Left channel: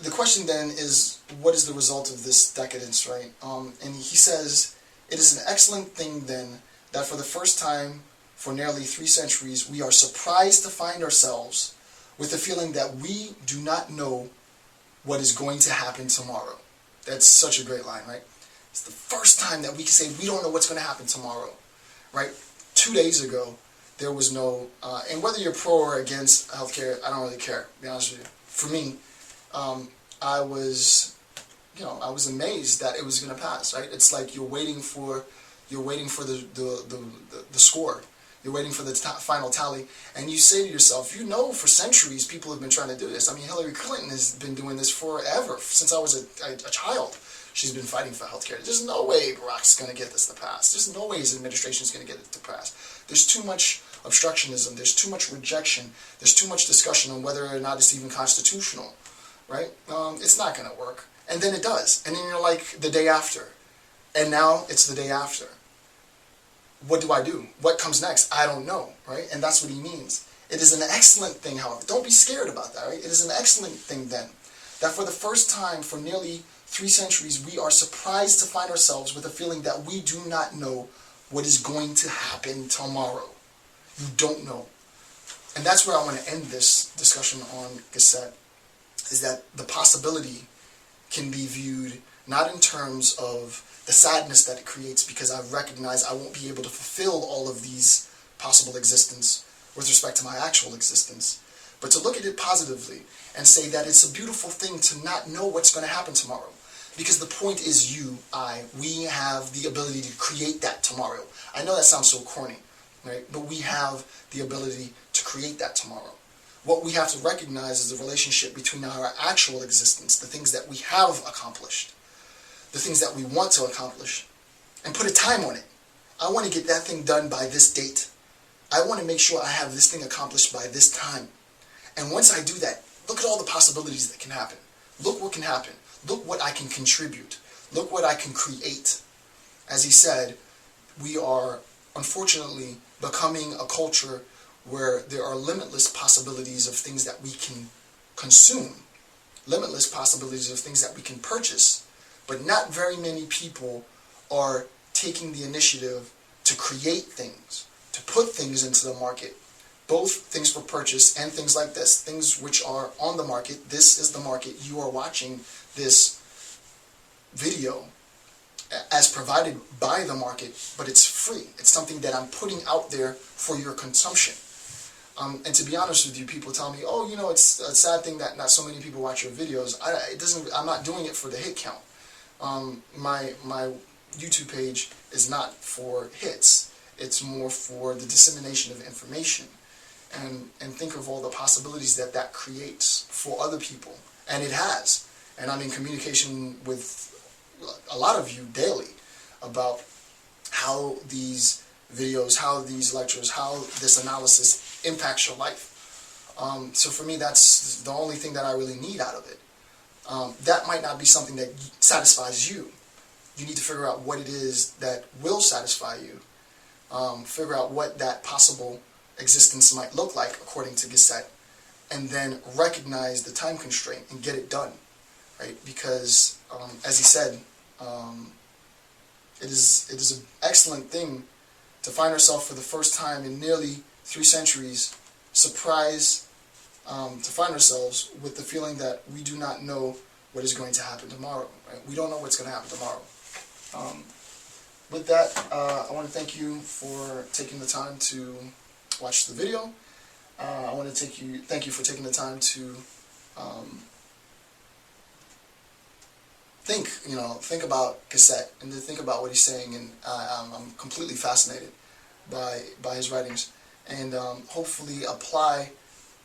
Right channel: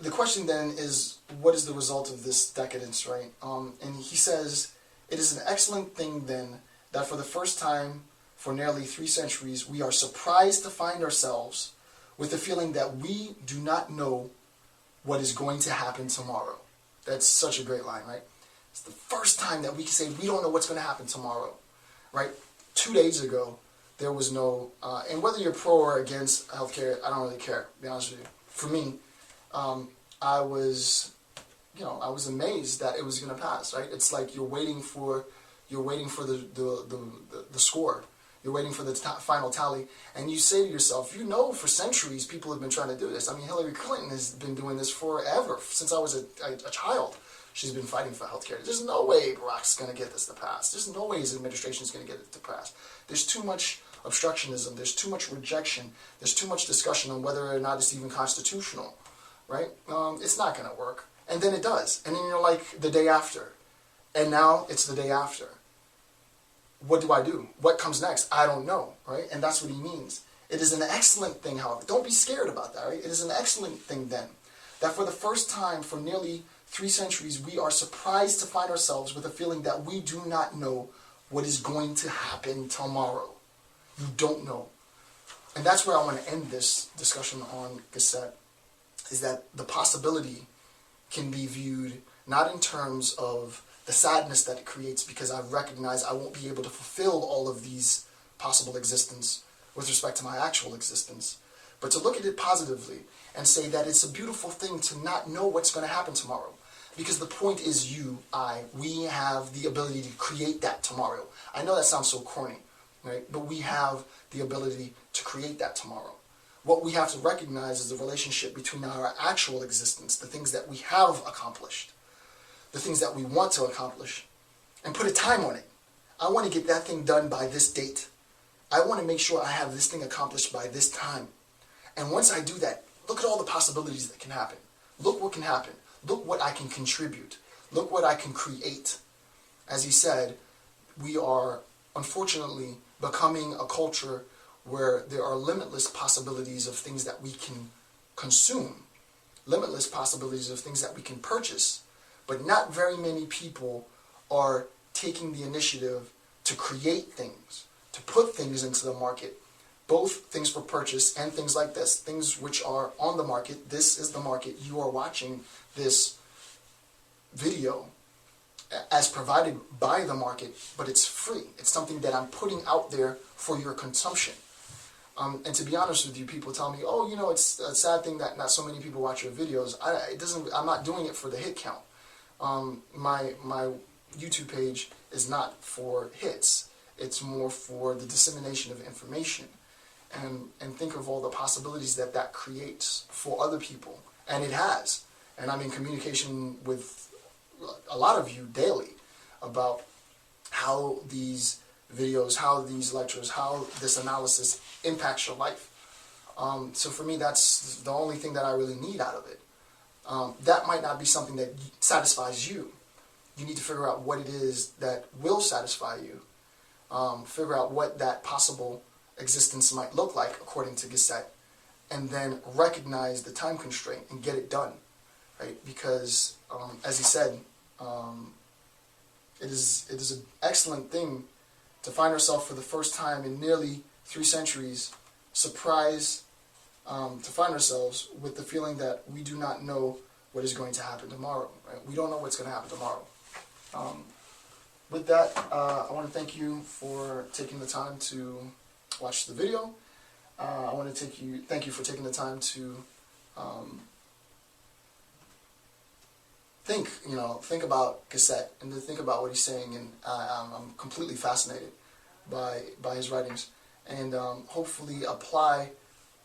The question then is, what is the result of this decadence, right? And he says, it is an excellent thing then that for the first time for nearly 3 centuries we are surprised to find ourselves with the feeling that we do not know what is going to happen tomorrow. That's such a great line, right? It's the first time that we can say we don't know what's going to happen tomorrow, right? 2 days ago, there was no, and whether you're pro or against healthcare, I don't really care, to be honest with you. For me, I was amazed that it was going to pass, right? It's like you're waiting for the score. You're waiting for the final tally, and you say to yourself, you know, for centuries people have been trying to do this. I mean, Hillary Clinton has been doing this forever, since I was a child. She's been fighting for healthcare. There's no way Barack's going to get this to pass. There's no way his administration is going to get it to pass. There's too much obstructionism. There's too much rejection. There's too much discussion on whether or not it's even constitutional, right? It's not going to work. And then it does. And then you're like the day after. And now it's the day after. What do I do? What comes next? I don't know, right? And that's what he means. It is an excellent thing, however. Don't be scared about that, right? It is an excellent thing then, that for the first time for nearly 3 centuries, we are surprised to find ourselves with a feeling that we do not know what is going to happen tomorrow. You don't know. And that's where I want to end this discussion on Gasset, is that the possibility can be viewed not in terms of the sadness that it creates, because I recognize I won't be able to fulfill all of these possible existence with respect to my actual existence, but to look at it positively and say that it's a beautiful thing to not know what's going to happen tomorrow. Because the point is we have the ability to create that tomorrow. I know that sounds so corny, right? But we have the ability to create that tomorrow. What we have to recognize is the relationship between our actual existence, the things that we have accomplished, the things that we want to accomplish, and put a time on it. I want to get that thing done by this date. I want to make sure I have this thing accomplished by this time. And once I do that, look at all the possibilities that can happen. Look what can happen. Look what I can contribute. Look what I can create. As he said, we are unfortunately becoming a culture where there are limitless possibilities of things that we can consume, limitless possibilities of things that we can purchase, but not very many people are taking the initiative to create things, to put things into the market, both things for purchase and things like this, things which are on the market. This is the market. You are watching this video as provided by the market, but it's free. It's something that I'm putting out there for your consumption. And to be honest with you, people tell me, oh, you know, it's a sad thing that not so many people watch your videos. I'm not doing it for the hit count. My YouTube page is not for hits. It's more for the dissemination of information. And think of all the possibilities that that creates for other people. And it has. And I'm in communication with a lot of you daily about how these videos, how these lectures, how this analysis impacts your life. So for me, that's the only thing that I really need out of it. That might not be something that satisfies you. You need to figure out what it is that will satisfy you. Figure out what that possible existence might look like according to Gasset, and then recognize the time constraint and get it done, right? Because as he said, it is an excellent thing to find ourselves for the first time in nearly 3 centuries surprised to find ourselves with the feeling that we do not know what is going to happen tomorrow, right? We don't know what's going to happen tomorrow. With that, I want to thank you for taking the time to watch the video. I want to thank you for taking the time to think about Gasset and to think about what he's saying, and I'm completely fascinated by his writings, and hopefully apply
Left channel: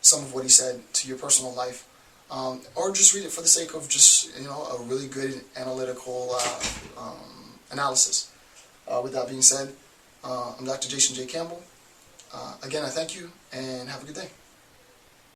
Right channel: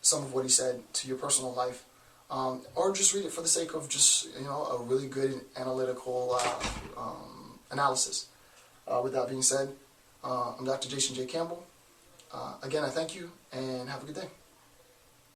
some of what he said to your personal life, or just read it for the sake of just a really good analytical analysis. With that being said, I'm Dr. Jason J. Campbell. Again, I thank you, and have a good day.